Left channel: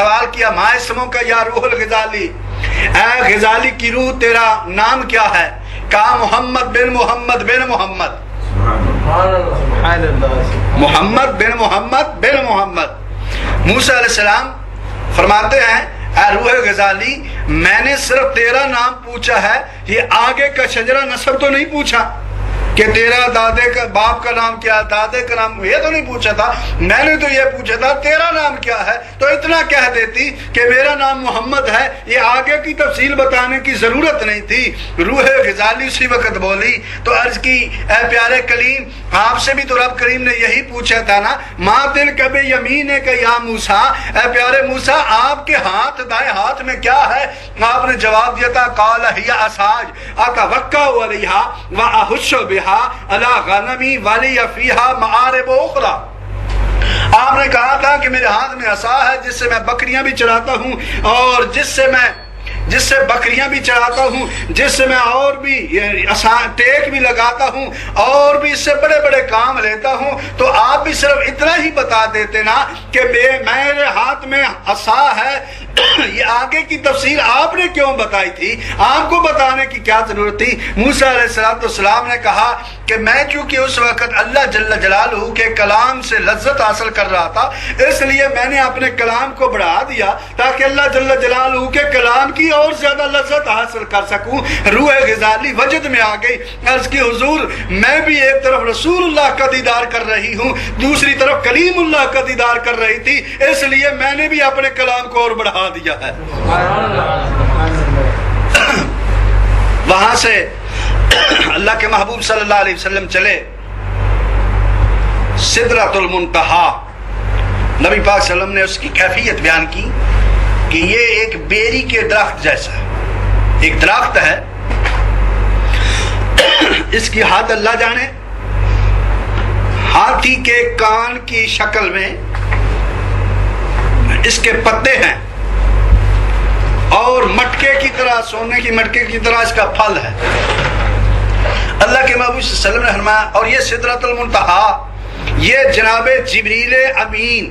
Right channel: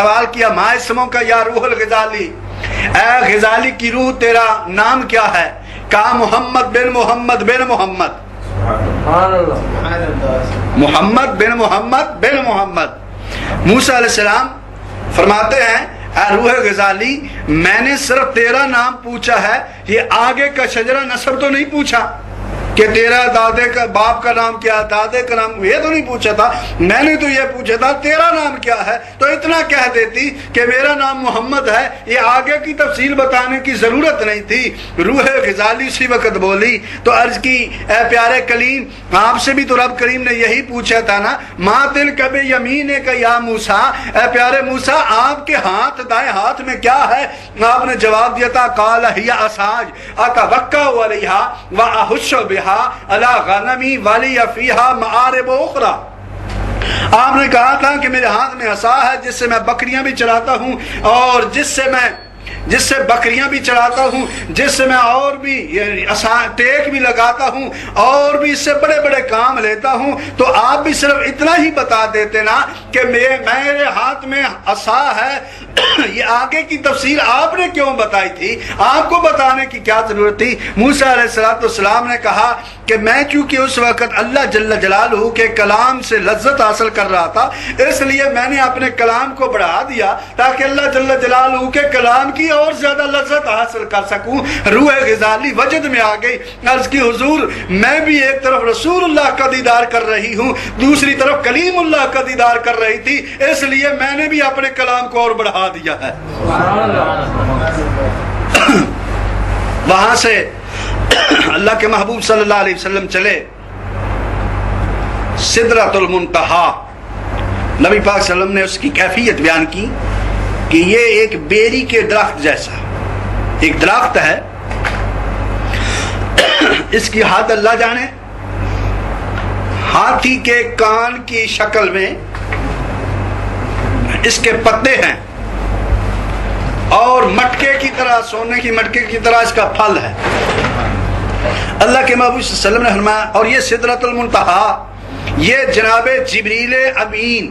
سوال کیا ما اسموں کا یا روح الغزالی، اے غزالی کی روح تیرا نام کیا ہے؟ کہا محمد بن محمد بن محمد، محمد بن محمد بن محمد۔ موسیٰ علیہ السلام فرماتے ہیں اے روح غزالی میں نے صرف تیرا نام پوچھا ہے، یہ آگے کا شجرہ نسب تو نہیں پوچھا کہ تیرا دادے کا باپ کا نام کیا، دادے کا نام، یہ تو نہیں پوچھا تھا، میں نے تو یہ پوچھا تھا تیرا نام کیا ہے، تو اتنا کہہ دیتی کہ میرا نام محمد ہے، یہ آگے کی تفصیل بتانے کی ضرورت نہیں تھی۔ روح غزالی اسی وقت بولی تو عرض کی اے پیارے کلیم آپ سے بھی تو رب کریم نے یہی پوچھا تھا نا، ماں دل کبھی یمین کا یا موسیٰ، اے پیارے موسیٰ آپ کے ہاتھ دائیں ہاتھ میں کیا ہے؟ آپ نے جواب دیا تھا قال ہی عصاج اتوکا علیہا واحش بہا علی غنمی ولی فیہا معارب اخری۔ آپ نے کہا تھا کہ میرے ہاتھ میں عصا ہے جس سے میں بکریاں بھی چراتا ہوں، اور جس سے بکریاں بھی چراتا ہوں، جس سے میں اور بھی ٹیک بھی لگاتا ہوں، اور بھی اس سے بڑے بڑے کام لیتا ہوں۔ تو آپ بھی صرف اتنا ہی بتا دیتے نا کہ میرے ہاتھ میں عصا ہے، یہ آگے کی تفصیل آپ نے کیوں بتائی تھی؟ آپ کو بتانے کی کیا ضرورت تھی؟ موسیٰ علیہ السلام نے کہا کہ میں چونکہ اس وقت اللہ جل جلالہ کے کلام سے لذت حاصل کر رہا تھا، اس لیے میں نے اپنے کلام کو بڑھا دیا تاکہ اللہ جل جلالہ کے کلام کی اور زیادہ لذت حاصل کر سکوں۔ روح غزالی وجد میں آ گئی، عرض کی حضور میں بھی ایک طرف رسول اللہ کا دیدار کر رہی ہوں، دوسری طرف کلیم اللہ کا دیدار کر رہی تھی، اس لیے میں نے بھی اپنے کلام کو اور بڑھا دیا ہے۔ وہاں سے اللہ کے محبوب صلی اللہ علیہ وسلم چلے سدرۃ المنتہا۔ نبی پاک صلی اللہ علیہ وسلم نے اس کی کیفیت بیان کی کہ یہ ایک بیری کے درخت جیسا ایک درخت ہے، اس کی حد اللہ جانے، ہاتھی کے کان کی شکل میں اس کے پتے ہیں، اور مٹکے کی طرح، سونے کی مٹکے کی طرح اس کا پھل ہے۔ اللہ کے محبوب صلی اللہ علیہ وسلم نے فرمایا، اور یہ سدرۃ المنتہا یہ جناب جبریل امین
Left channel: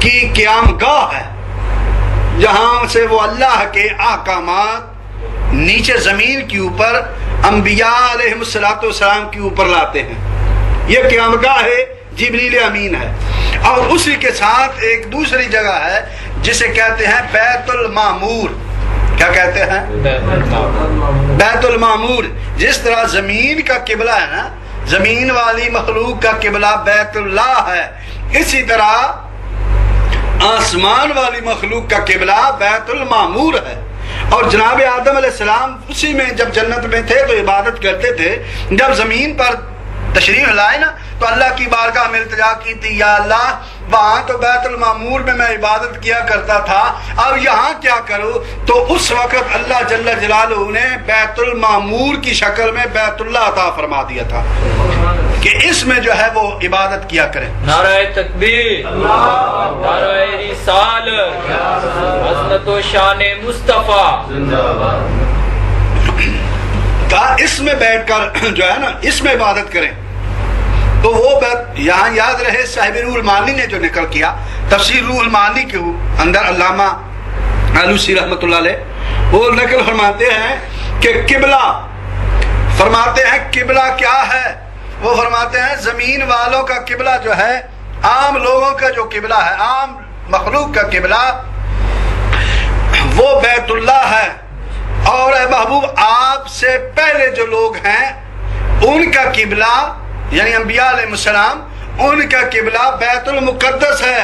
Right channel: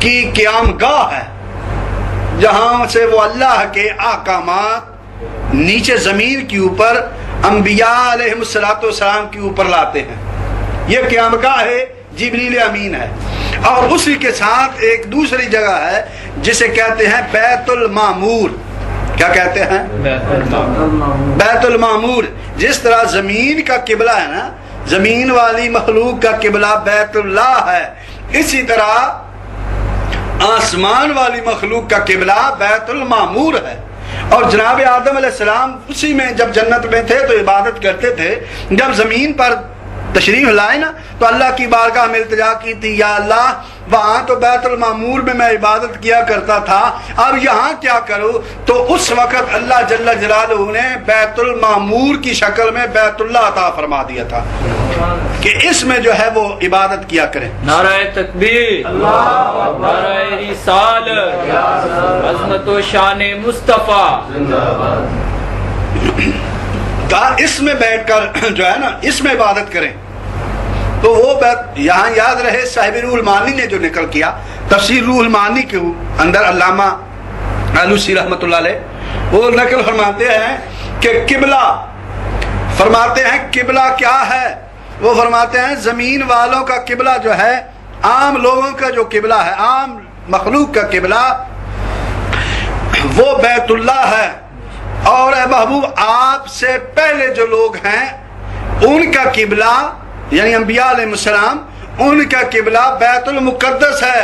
کی قیام گاہ ہے، جہاں سے وہ اللہ کے احکامات نیچے زمین کے اوپر انبیاء علیہ السلام کے اوپر لاتے ہیں۔ یہ قیام گاہ ہے، جبریل امین ہے۔ اور اسی کے ساتھ ایک دوسری جگہ ہے جسے کہتے ہیں بیت المعمور۔ کیا کہتے ہیں؟ بیت المعمور۔ جس طرح زمین کا قبلہ ہے نا، زمین والی مخلوق کا قبلہ بیت اللہ ہے، اسی طرح آسمان والی مخلوق کا قبلہ بیت المعمور ہے۔ اور جناب آدم علیہ السلام اسی میں جب جنت میں تھے تو عبادت کرتے تھے، جب زمین پر تشریف لائے نا تو اللہ کی بارگاہ میں التجا کی تھی، یا اللہ وہاں تو بیت المعمور میں میں عبادت کیا کرتا تھا، اب یہاں کیا کروں؟ تو اس وقت اللہ جل جلالہ نے بیت المعمور کی شکل میں بیت اللہ عطا فرما دیا تھا کہ اس میں جو ہے وہ عبادت کیا کریں۔ نعرہ تکبیر، نعرہ رسالت، عظمت و شان مصطفیٰ۔ کہا اس میں بیٹھ کر جو ہے نا اس میں عبادت کریں۔ تو وہ یہاں یاد رہے صاحب روح المعانی نے جو نقل کیا، تفسیر روح المعانی کے اندر علامہ آلوسی رحمۃ اللہ علیہ وہ نقل فرماتے ہیں کہ قبلہ، فرماتے ہیں قبلہ کیا ہے؟ وہ فرماتے ہیں زمین والوں کا قبلہ جو ہے، عام لوگوں کا جو قبلہ ہے، عام مخلوق کا قبلہ وہ بیت اللہ ہے، اور اے محبوب آپ سے پہلے جو لوگ ہیں ان کا قبلہ یعنی انبیاء علیہ السلام، ان کا قبلہ بیت المقدس ہے،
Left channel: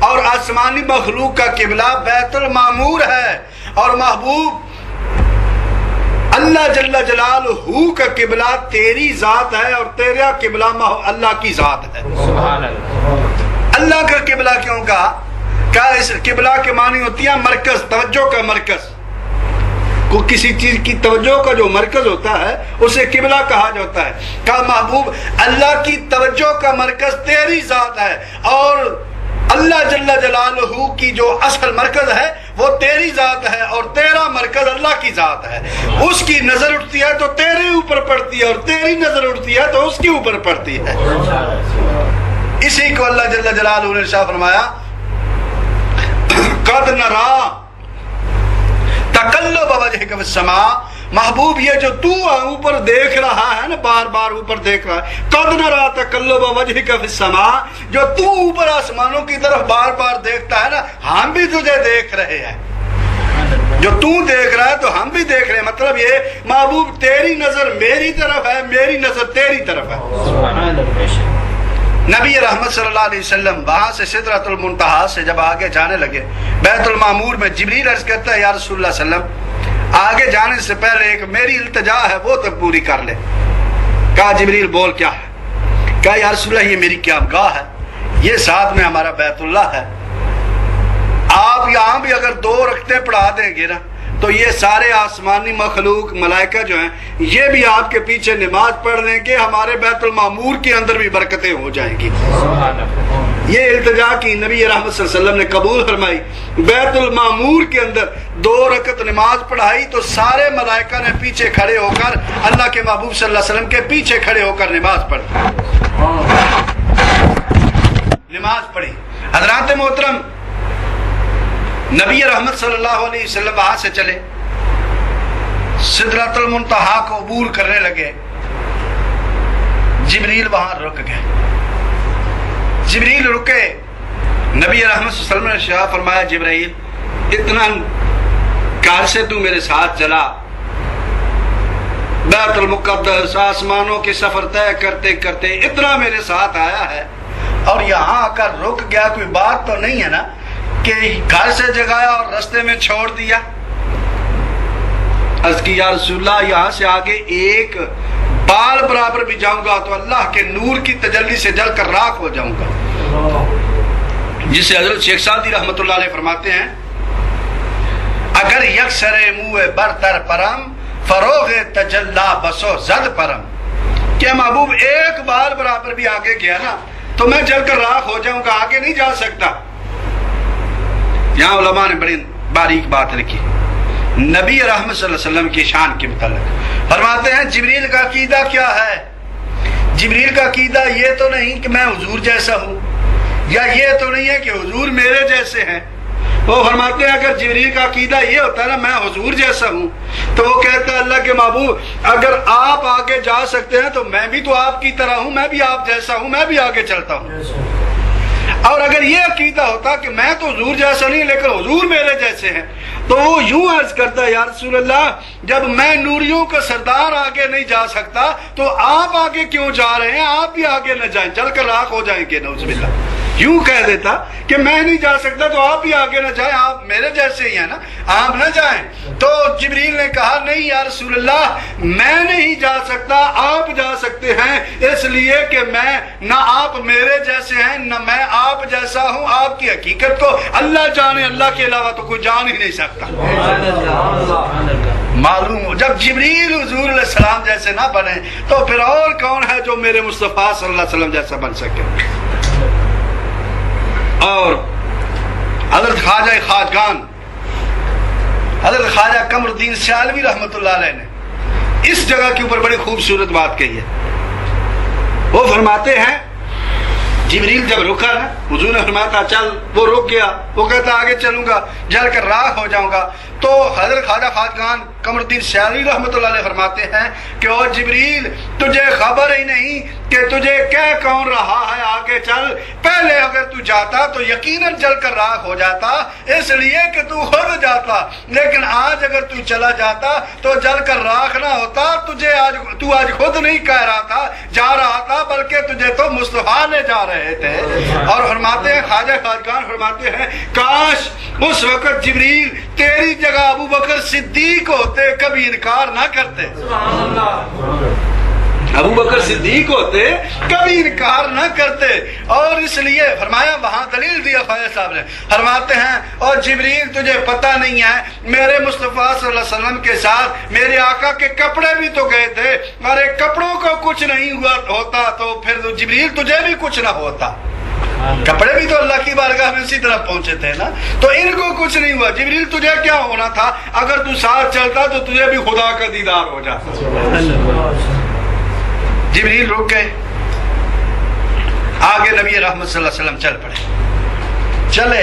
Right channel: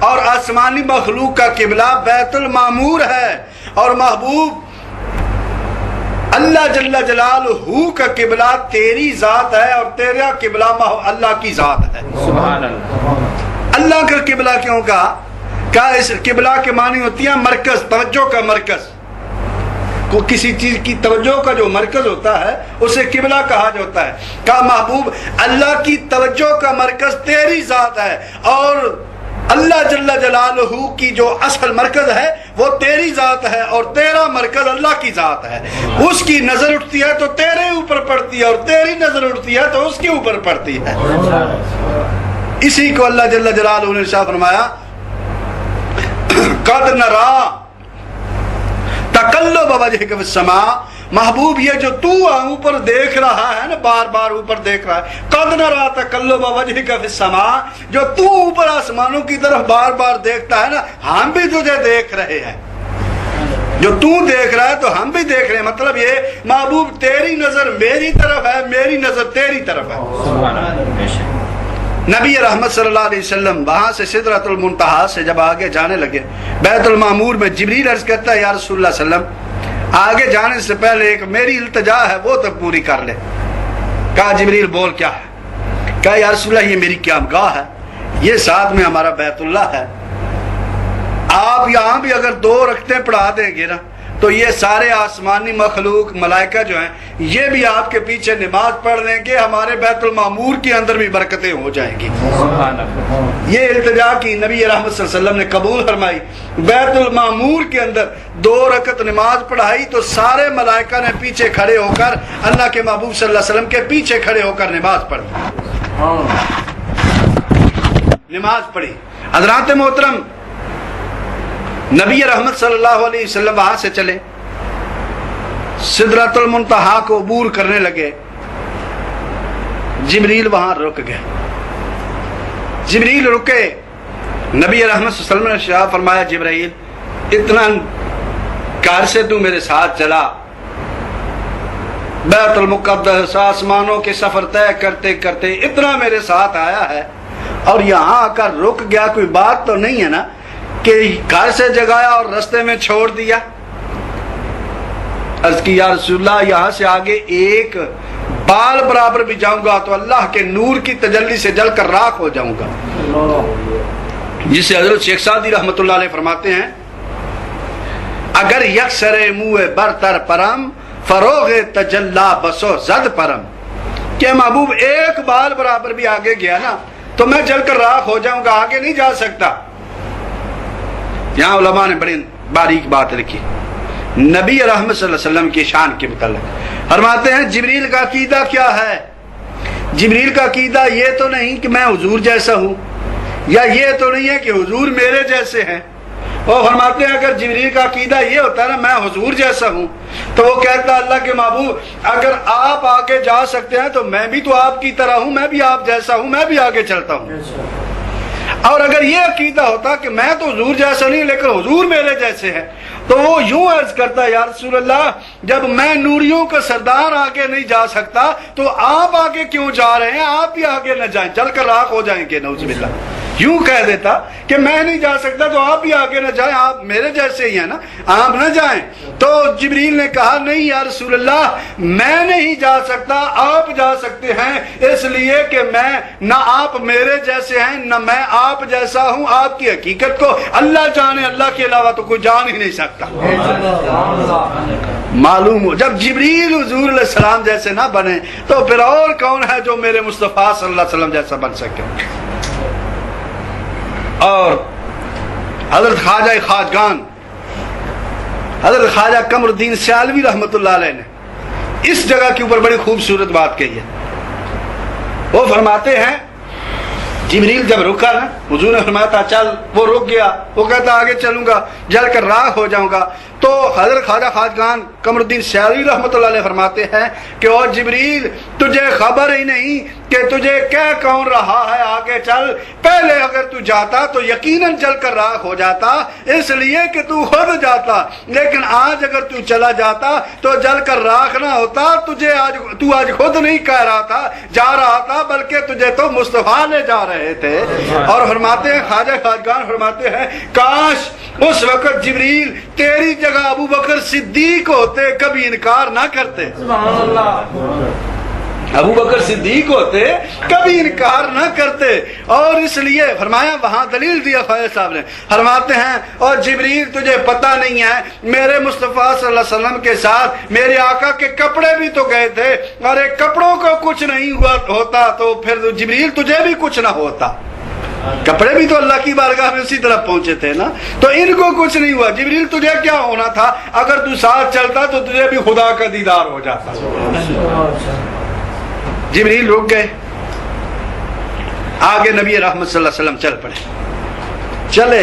اور آسمانی مخلوق کا قبلہ بیت المعمور ہے، اور محبوب اللہ جل جلالہ کا قبلہ تیری ذات ہے، اور تیرا قبلہ اللہ کی ذات ہے۔ سبحان اللہ۔ اللہ کا قبلہ کیوں کہا؟ کہا اس قبلہ کے معنی ہوتی ہے مرکز، توجہ کا مرکز۔ کو کسی چیز کی توجہ کا جو مرکز ہوتا ہے اسے قبلہ کہا جاتا ہے۔ کہا محبوب اللہ کی توجہ کا مرکز تیری ذات ہے، اور اللہ جل جلالہ کی جو اصل مرکز ہے وہ تیری ذات ہے، اور تیرا مرکز اللہ کی ذات ہے۔ اس کی نظر اٹھتی ہے تو تیرے اوپر پڑتی ہے، اور تیری نظر اٹھتی ہے تو اس کے اوپر پڑتی ہے۔ اسی کو اللہ جل جلالہ نے ارشاد فرمایا نرا تقلب وجهك فی السماء، محبوب یہ جو تو اوپر دیکھ رہا ہے نا، بار بار اوپر دیکھ رہا ہے، قد نرا تقلب وجهك فی السماء، جو تو اوپر آسمانوں کی طرف بار بار دیکھتا ہے نا، ہم بھی تجھے دیکھ رہے ہیں، جو تو دیکھ رہا ہے تو ہم بھی دیکھ رہے ہیں۔ مطلب یہ محبوب تیری نظر میری طرف ہے، میری نظر تیری طرف ہے۔ نبی رحمت صلی اللہ علیہ وسلم وہاں سے سدرۃ المنتہا سے جب آگے جانے لگے، بیت المعمور میں جبریل عرض کرتا ہے یا رسول اللہ صلی اللہ علیہ وسلم آگے جانے سے پہلے ایک میری التجا ہے وہ تک پوری کر لے۔ کہا جبریل بول کیا ہے؟ کہا یا رسول اللہ یہ میری قیام گاہ ہے، یہ ساتھ میں ہمارا بیت اللہ ہے، آپ یہاں بھی اگر 2 رکعتیں پڑھا دیں گے نا تو یہ سارے آسمانی مخلوق ملائکہ جو ہیں یہ بھی آپ کے پیچھے نماز پڑھ لیں گے، ہمارے بیت المعمور کے اندر بھی برکتیں ہو جائیں گی۔ یہ التجا کی نبی رحمت صلی اللہ علیہ وسلم نے قبول فرمائی، بیت المعمور کے اندر 2 رکعت نماز پڑھائی تو سارے ملائکہ نے پیچھے کھڑے ہو کر اللہ کے محبوب صلی اللہ علیہ وسلم کے پیچھے کھڑے ہو کر نماز پڑھی، نماز پڑھی۔ حضرات محترم، نبی رحمت صلی اللہ علیہ وسلم وہاں سے چلے، سدرۃ المنتہا کو عبور کرنے لگے، جبریل وہاں رک گئے، جبریل رکے، نبی رحمت صلی اللہ علیہ وسلم نے شاہ فرمایا جبریل اتنا کار سے تو میرے ساتھ چلا، بیت المقدس آسمانوں کے سفر طے کرتے کرتے اتنا میرے ساتھ آیا ہے اور یہاں آ کر رک گیا، کوئی بات تو نہیں ہے نا کہ گھر سے جگایا اور رستے میں چھوڑ دیا؟ عرض کی یا رسول اللہ یہاں سے آگے ایک بال برابر بھی جاؤں گا تو اللہ کے نور کی تجلی سے جل کر راکھ ہو جاؤں گا، جسے حضرت شیخ سعدی رحمت اللہ علیہ فرماتے ہیں اگر یکسر منہ برتر پرم فروغ تجلا بسو زد پرم، کہ محبوب ایک بال برابر بھی آگے گیا نا تو میں جل کر راکھ ہو جاؤں گا، آگے نہیں جا سکتا۔ یہاں علماء نے بڑی باریک بات لکھی نبی رحمت صلی اللہ علیہ وسلم کی شان کے متعلق، فرماتے ہیں جبریل کا عقیدہ کیا ہے؟ جبریل کا عقیدہ یہ تو نہیں کہ میں حضور جیسا ہوں، یا یہ تو نہیں ہے کہ حضور میرے جیسے ہیں، وہ فرماتے ہیں اگر جبریل کا عقیدہ یہ ہوتا ہے نا میں حضور جیسا ہوں تو وہ کہتا اللہ کے محبوب اگر آپ آگے جا سکتے ہیں تو میں بھی تو آپ کی طرح ہوں، میں بھی آپ جیسا ہوں، میں بھی آگے چلتا ہوں۔ اور اگر یہ عقیدہ ہوتا کہ میں تو حضور جیسا نہیں لیکن حضور میرے جیسے ہیں تو وہ یوں عرض کرتا یا رسول اللہ جب میں نوریوں کا سردار آگے نہیں جا سکتا تو آپ آگے کیوں جا رہے ہیں، آپ بھی آگے نہ جائیں، چل کر راکھ ہو جائیں گے، نعوذ باللہ۔ یوں کہہ دیتا کہ میں نہیں جا سکتا تو آپ بھی آگے نہ جائیں، آپ میرے جیسے ہی ہیں نا، آپ نہ جائیں۔ تو جبریل نے کہا نہیں یا رسول اللہ میں نہیں جا سکتا، آپ جا سکتے ہیں، اس لیے کہ میں نہ آپ میرے جیسے ہیں نہ میں آپ جیسا ہوں، آپ کی حقیقت کو اللہ جانے، اللہ کے علاوہ تو کوئی جان ہی نہیں سکتا۔ معلوم ہو جب جبریل حضور علیہ السلام جیسے نہ بنے تو پھر اور کون ہے جو میرے مصطفیٰ صلی اللہ علیہ وسلم جیسا بن سکے؟ اور حضرت خواجہ خواجگان حضرت خواجہ قمر الدین سیالوی رحمت اللہ علیہ نے اس جگہ کے اوپر بڑی خوبصورت بات کہی ہے۔ وہ فرماتے ہیں جبریل جب رکا نا حضور نے فرمایا تھا چل، وہ رک گیا، وہ کہتا آگے چلوں گا، جل کر راکھ ہو جاؤں گا۔ تو حضرت خواجہ خواجگان قمر الدین سیالوی رحمت اللہ علیہ فرماتے ہیں کہ او جبریل تجھے خبر ہی نہیں کہ تجھے کیا کون رہا ہے، آگے چل، پہلے اگر تو جاتا تو یقیناً جل کر راکھ ہو جاتا، اس لیے کہ تو خود جاتا، لیکن آج اگر تو چلا جاتا تو جل کر راکھ نہ ہوتا، تجھے آج خود نہیں کہہ رہا تھا جا رہا تھا بلکہ تجھے تو مصطفیٰ نے جا رہے تھے۔ اور فرماتے ہیں خواجہ خواجگان فرماتے ہیں کاش اس وقت جبریل تیری جگہ ابو بکر صدیق ہوتے کبھی انکار نہ کرتے، ابو بکر صدیق ہوتے کبھی انکار نہ کرتے۔ اور اس لیے فرمایا وہاں دلیل دیا خواجہ صاحب نے، فرماتے ہیں اور جبریل تجھے پتہ نہیں ہے میرے مصطفیٰ صلی اللہ علیہ وسلم کے ساتھ میرے آقا کے کپڑے بھی تو گئے تھے، اور ایک کپڑوں کو کچھ نہیں ہوا ہوتا تو پھر جبریل تجھے بھی کچھ نہ ہوتا، کپڑے بھی تو اللہ کی بارگاہ میں اسی طرح پہنچے تھے نا، تو ان کو کچھ نہیں ہوا، جبریل تجھے کیا ہونا تھا، اگر تو ساتھ چلتا تو تجھے بھی خدا کا دیدار ہو جاتا۔ جبریل رک گئے، آگے نبی رحمت صلی اللہ علیہ وسلم چل پڑے، چلے